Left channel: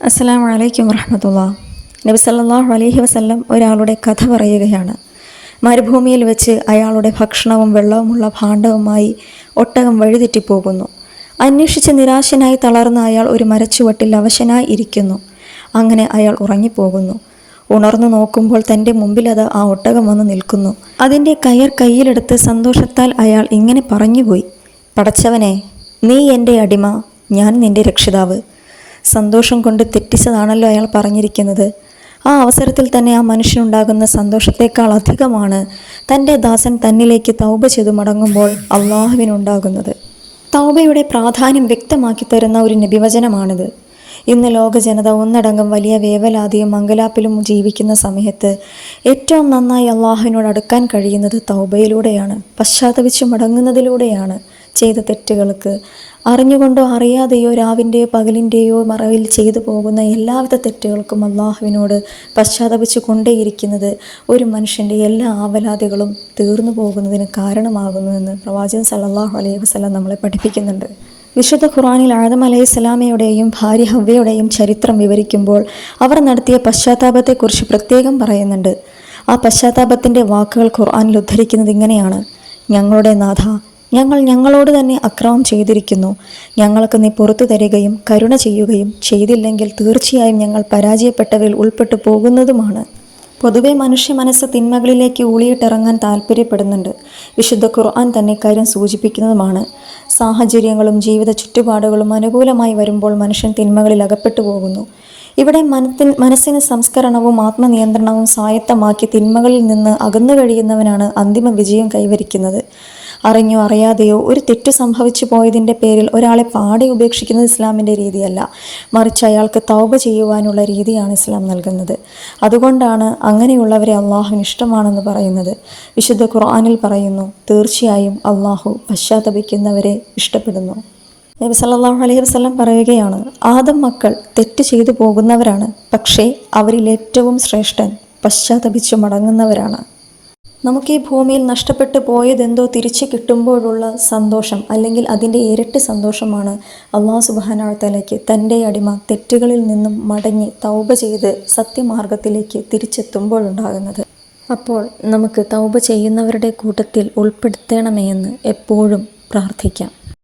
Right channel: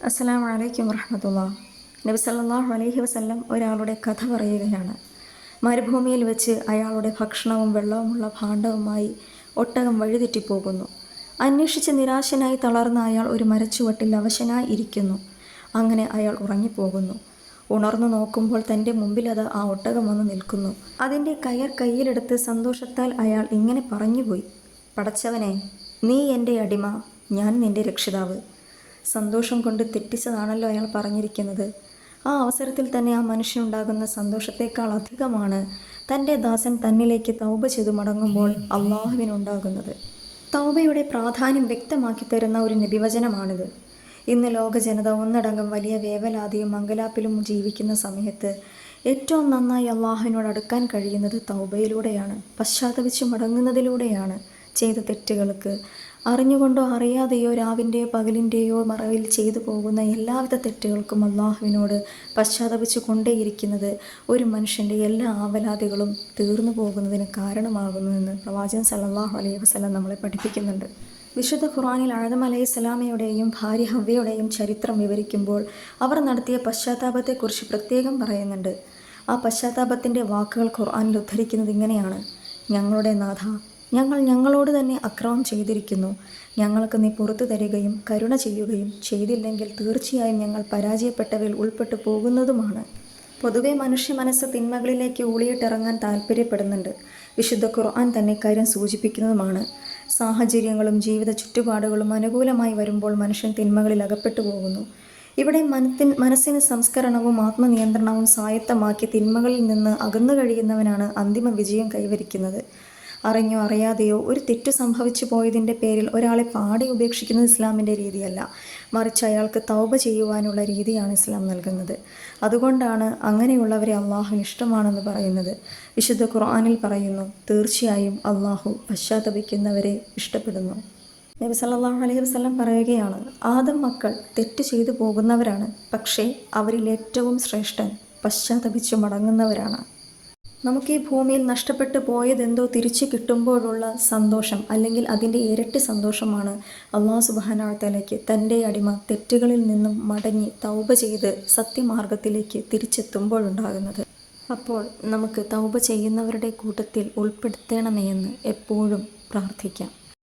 അസ്സലാമു അലൈക്കും വറഹ്മത്തുള്ളാഹി. നബി സല്ലല്ലാഹു അലൈഹി വസല്ലം ഒരാളുടെ കഥ പറയുകയാണ്. മരുഭൂമിയിൽ വെച്ച് അയാളുടെ ഭക്ഷണവും വെള്ളവുമുള്ള ഭാണ്ഡവുമായി ഒട്ടകം വഴിതെറ്റിപ്പോകുന്നു. അന്വേഷിച്ച് നിരാശനായി തളർന്ന അയാൾ ഒരു മരച്ചുവട്ടിൽ അവശനായി ഇരിക്കുന്നു. അങ്ങനെ അയാൾ ഉറങ്ങിപ്പോകുന്നു. ഉണർന്നു നോക്കുമ്പോൾ തൻ്റെ മുമ്പിലത് ആ ഒട്ടകം വന്ന് നിൽക്കുന്നു. അതിൻ്റെ കയർ കയ്യിലെടുത്ത് സന്തോഷത്താൽ അയാൾ ഇങ്ങനെ പറഞ്ഞുപോയി: പടച്ചവനെ, നീ എൻ്റെ അടിമ, ഞാൻ നിൻ്റെ രക്ഷിതാവ്. സന്തോഷം കൊണ്ട് തെറ്റിച്ചതാണല്ലോ അയാൾ പറഞ്ഞിരിക്കുന്നത്. ആ അവസരത്തിൽ തന്നെ ആ മനുഷ്യനുണ്ടാകുന്ന സന്തോഷത്തേക്കാൾ അധികമാണ് തൻ്റെ ദാസൻ തന്നിലേക്ക് തൗബ ചെയ്തു മടങ്ങുമ്പോൾ അള്ളാഹുവിനുണ്ടാകുന്നത്. തൗബയുടെ പ്രാധാന്യം വ്യക്തമാക്കി തരുന്ന ഒരു നബിവചനമാണിത്. ഇന്ന് ലോക ജനത ഒന്നടങ്കം വലിയ വേവലാതിയും മംഗലാപ്പിലും ജീവിക്കുന്ന സമയത്ത് ഏറ്റവും നന്നായി അള്ളാഹുവിനോട് അടുക്കാൻ കഴിയുന്നത് തൗബയിലൂടെയാണ്, പശ്ചാത്തപിച്ചു മടങ്ങുന്നതിലൂടെയാണ്. ചെയ്ത തെറ്റുകൾക്ക് അറിഞ്ഞുകൊണ്ടോ അറിയാതെയോ രാവിൻ്റെയോ പകലിൻ്റെയോ മറവിൽ ചെയ്തു പോകുന്ന എല്ലാവിധ തെറ്റുകൾക്കും അള്ളാഹുവിനോട് പശ്ചാത്തപിച്ചു കൊണ്ടേയിരിക്കുന്നത് ഒരു മനുഷ്യൻ്റെ എല്ലാ ആവലാതികളും തീർന്നു പോകുന്നതിന് കാരണമാകുന്നുവെന്ന് പ്രവാചകൻ സല്ലല്ലാഹു അലൈഹി വസല്ലം നമ്മളെ പഠിപ്പിക്കുന്നുണ്ട്. വിശുദ്ധ ഖുർആനിൽ ആദം അലൈഹിസ്സലാമയുടെയും ഭാര്യ ഹവ്വയുടെയും ചരിത്രം വിവരിക്കുമ്പോൾ അവർ നടത്തിയ പശ്ചാത്താപത്തെക്കുറിച്ച് പ്രത്യേകം പറയുന്നുണ്ട്. ആ പശ്ചാത്താപത്തിൻ്റെ വാക്കുകൾ ഖുർആനിൽ ഉദ്ധരിക്കുന്നത് ഇങ്ങനെയാണ്: ഞങ്ങളുടെ നാഥ, ഞങ്ങൾ ഞങ്ങളോട് തന്നെ അക്രമം ചെയ്തിരിക്കുന്നു. ഞങ്ങൾക്ക് നീ പുറത്തു തരികയും കരുണ ചെയ്യുകയും ചെയ്തില്ലെങ്കിൽ തീർച്ചയായും ഞങ്ങൾ പരാജയപ്പെട്ടവരിൽ ഉൾപ്പെട്ടു പോകുന്നതുമാണ്. പൊതുവെ മനുഷ്യ മനസ്സ് തിന്മകളിലേക്ക് ഊളിയിട്ടിറങ്ങാൻ താല്പര്യപ്പെടുന്നുണ്ട്. വിശുദ്ധ ഖുർആൻ തന്നെ കാര്യം സൂചിപ്പിക്കുന്നതുമാണ്. സാഹചര്യങ്ങളും ജീവിത ചുറ്റുപാടുകളും അനുകൂലമായി വരുമ്പോൾ മനുഷ്യൻ തിന്മകളിൽ അകപ്പെട്ടു പോകുന്നു. ഇവിടെ മനസ്സിന് സംസ്കരണവും ആത്മനിയന്ത്രണവും സ്വായത്തമാക്കി തിന്മകളിൽ നിന്ന് അകന്നു കഴിയുന്നവനാണ് അന്തിമ വിജയം കൈവരിക്കുന്നത്. അറിഞ്ഞോ അറിയാതെയോ ഒരു തെറ്റ് സംഭവിച്ചു പോയതിൻ്റെ പേരിൽ ഒരാളെ പാടെ ഉപേക്ഷിക്കുന്നത് ഇസ്ലാമിൻ്റെ രീതിയല്ല, മറിച്ച് അയാൾക്ക് തൗബ ചെയ്യുവാനുള്ള രീതിയാണ് ഇസ്ലാം നൽകുന്നത്. അതുകൊണ്ടാണ് അങ്ങനെയുള്ളവരെ അള്ളാഹുവിന് ഇഷ്ടമാണെന്ന് പറയുന്നത്. വിശുദ്ധ ഖുർആനിൽ പറയുന്നു: തീർച്ചയായും അള്ളാഹു പശ്ചാത്തപിക്കുന്നവരെ ഇഷ്ടപ്പെടുന്നു. നബി സല്ലല്ലാഹു അലൈഹി വസല്ലം പറയുകയാണ്: ആദം മക്കൾ തെറ്റ് ചെയ്തു പോകുന്നവരാണ്, പക്ഷേ അവരിൽ ഏറ്റവും ശ്രേഷ്ഠൻ പശ്ചാത്തപിച്ചു മടങ്ങുന്നവരാണ്. നമുക്ക് ഈ ഭൂമിയിൽ നഷ്ടപ്പെട്ടു പോയതെന്തോ തിരിച്ചു കിട്ടുമ്പോഴുള്ള സന്തോഷം, അല്ലെങ്കിൽ അതിൻ്റെ ഇരട്ടി സന്തോഷമാണ് അല്ലാഹു സുബ്ഹാനഹു വ തആലയ്ക്ക് തൻ്റെ അടിമ തെറ്റുകളിൽ നിന്നും മടങ്ങി തൗബ ചെയ്ത് സത്യമാർഗത്തിലേക്ക് തിരിച്ചെത്തുമ്പോഴുണ്ടാകുന്നത്. അപ്പോൾ നമുക്ക് തൗബ ചെയ്യുന്നവരുടെ കൂട്ടത്തിൽ ഉൾപ്പെടുത്തണമേ എന്ന് എപ്പോഴും പ്രാർത്ഥിക്കാം.